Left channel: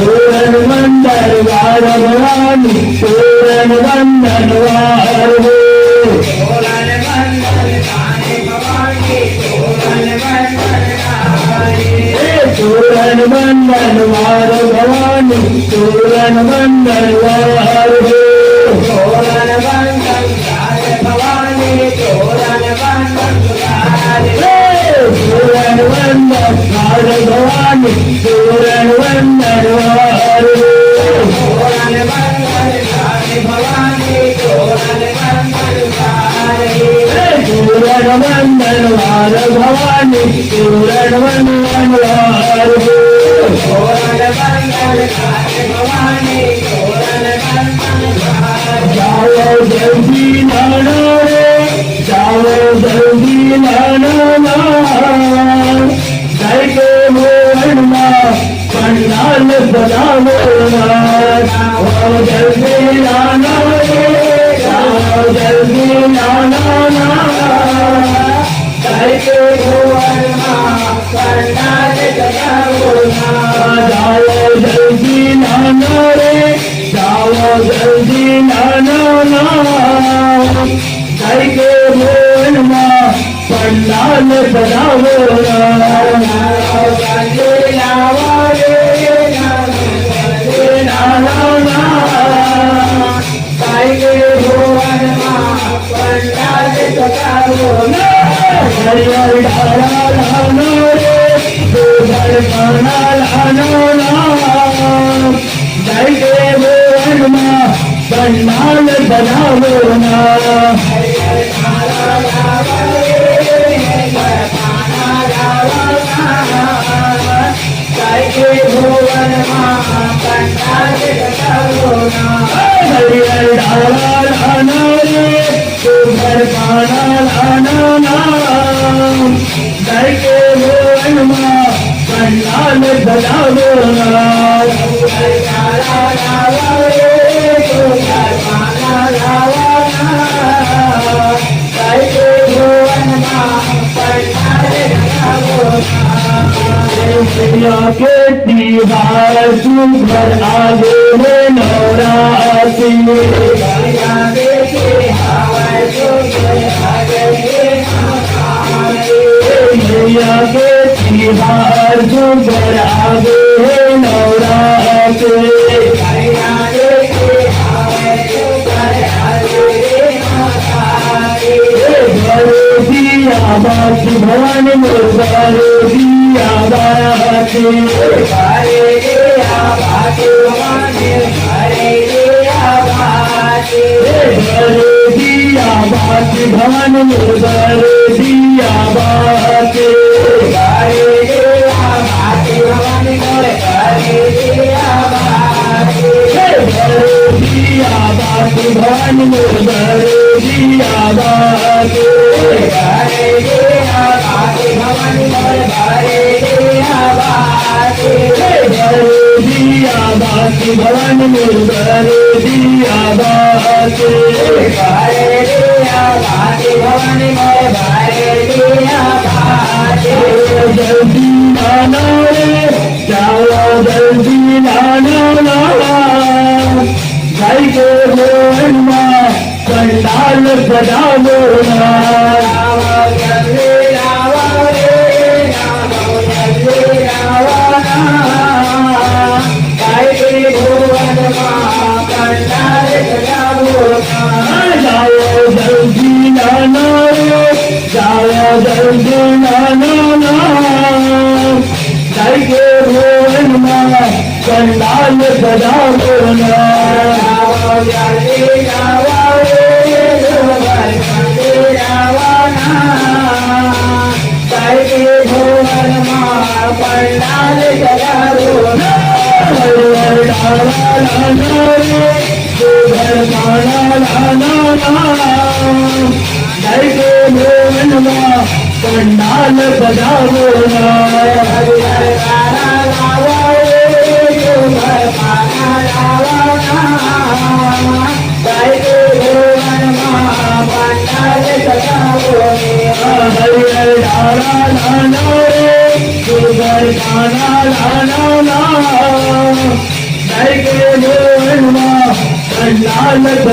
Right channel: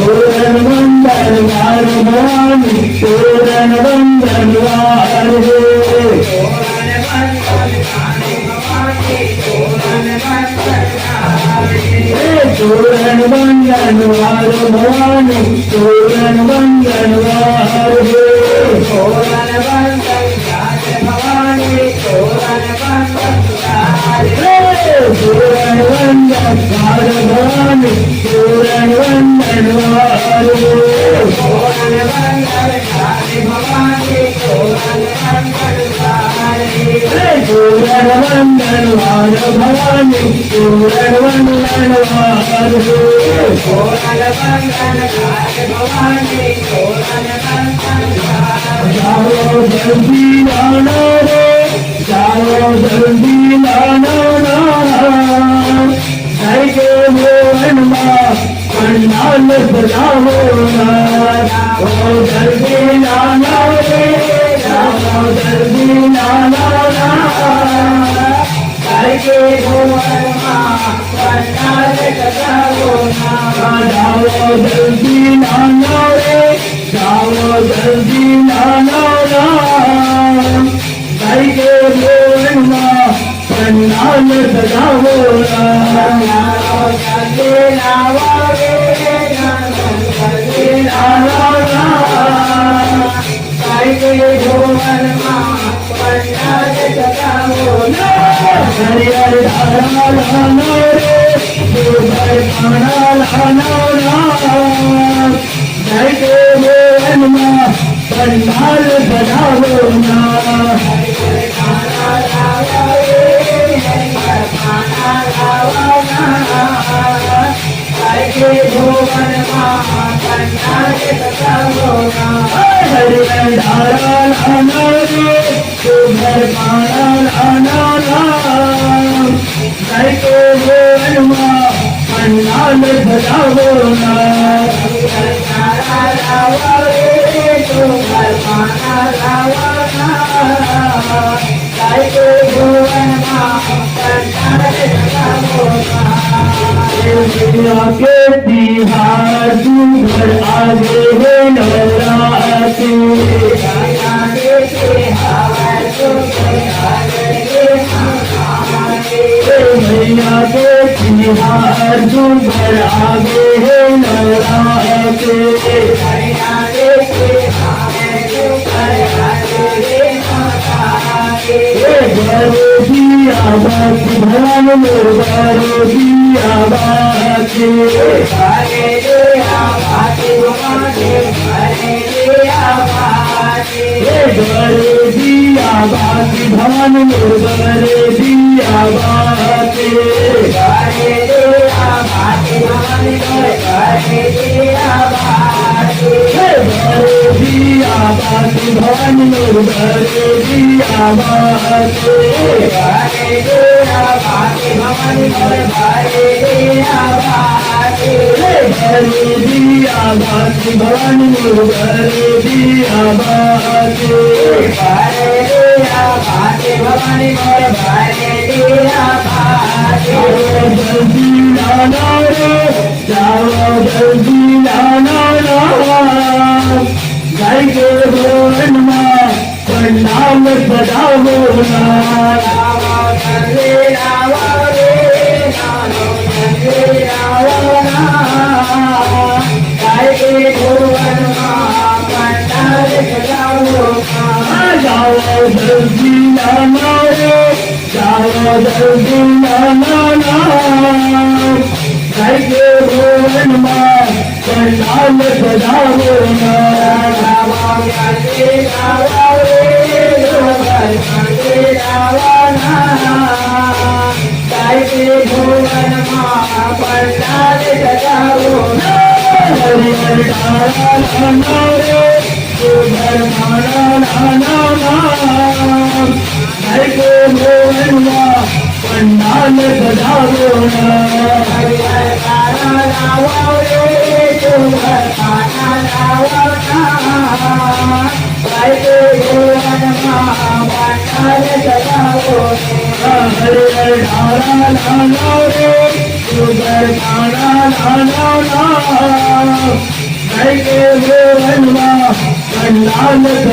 तोरण वंदन वार भवानी तोरण वंदन वार हो तोरण वंदन वार भवानी तोरण वंदन वार हो तोरण वंदन वार भवानी तोरण वंदन वार तोरण वंदन वार भवानी तोरण वंदन वार हो तोरण वंदन वार भवानी तोरण वंदन वार तोरण वंदन वार भवानी तोरण वंदन वार हो तोरण वंदन वार भवानी तोरण वंदन वार जाओ जल्दी लाना रे जाओ जल्दी लाना जाइके मोहन माँ पंडाल सजावो जाओ जल्दी लाना रे जाओ जल्दी लाना जाइके मोहन माँ पंडाल सजावो जाओ जल्दी लाना रे जाओ जल्दी लाना जाइके मोहन माँ पंडाल सजावो पंडाल बनावो ना पंडाल बनावो ना के दीवार तू घर आगे हो नवराती मैया के दीवार तू घर आगे हो नवराती बाकी भगवान मुर्गारो दिया बाकी दिया बाकी भगवान मुर्गारो दिया बाकी दिया बाकी भगवान मुर्गारो दिया बाकी भगवान मुर्गारो दिया बाकी जल्दी लाना रे जाओ जल्दी लाना जाइके मोहन माँ पंडाल सजावो ना पंडाल बजाओ ना पंडाल